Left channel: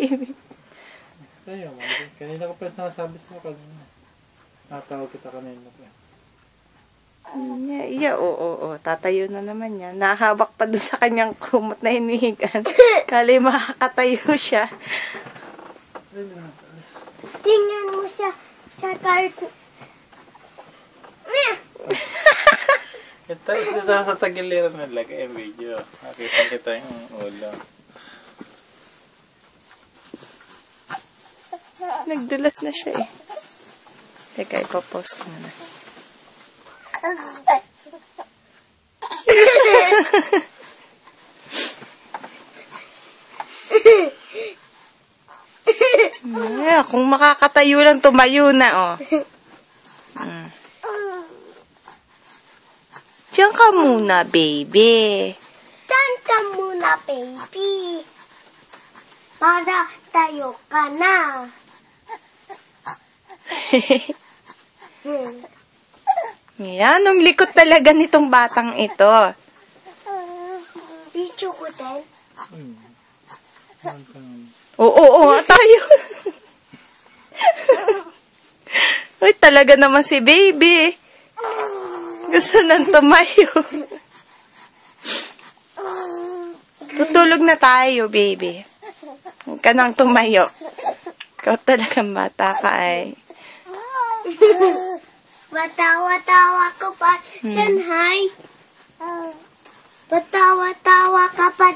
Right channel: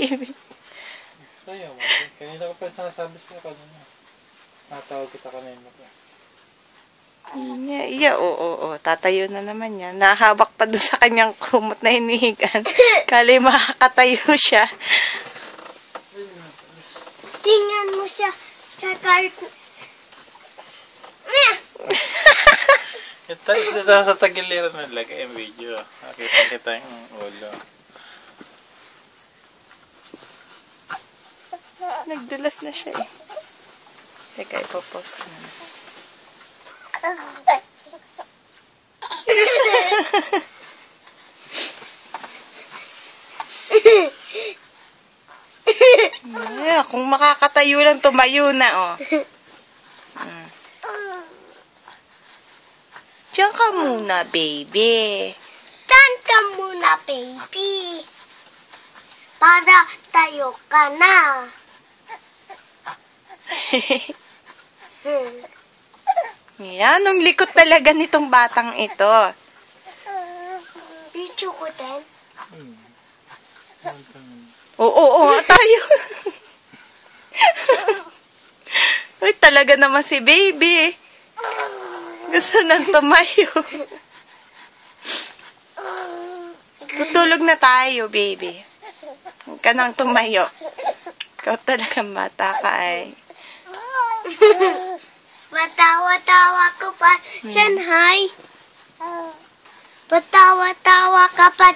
baby. Ayaw mo. Kanina ko pa sinasabi sa'yo kasi natawag kita kanina. Oo. Tatayo na naman yan. Nahabak pa dun sa kanyang kumot na hinihigan. Kali makakatayo siya. Tingnan mo siya sa cartoon. Ito sa tagiliran na lagay ang video. Nakita kita yung ulo. Nagdulas na siya eh. Teka, ipapost ko na. Kung makakatayo lang, tumayo na, oh. Diyan ka muna, baby. Diyan ka muna, baby. Para tayo ka na. Yan, ang likot talaga nitong batang ito. Video ko din. Oo, tayo. Uy, talaga naman si baby. Gusto nang tumayo. Tutulog na tayo, baby. Huwag ka nang tumayo. Ikaw talagang bata ka ay. Matawa-tawa ko pa, Shanghai. Patawa-tawa ka pa.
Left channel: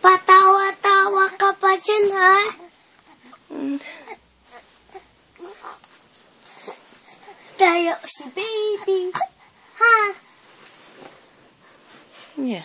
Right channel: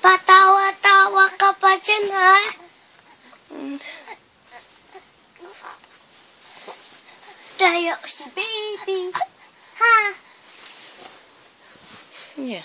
Patawa-tawa ka pa, Shanghai. Tayo si baby. Ha? Yeah,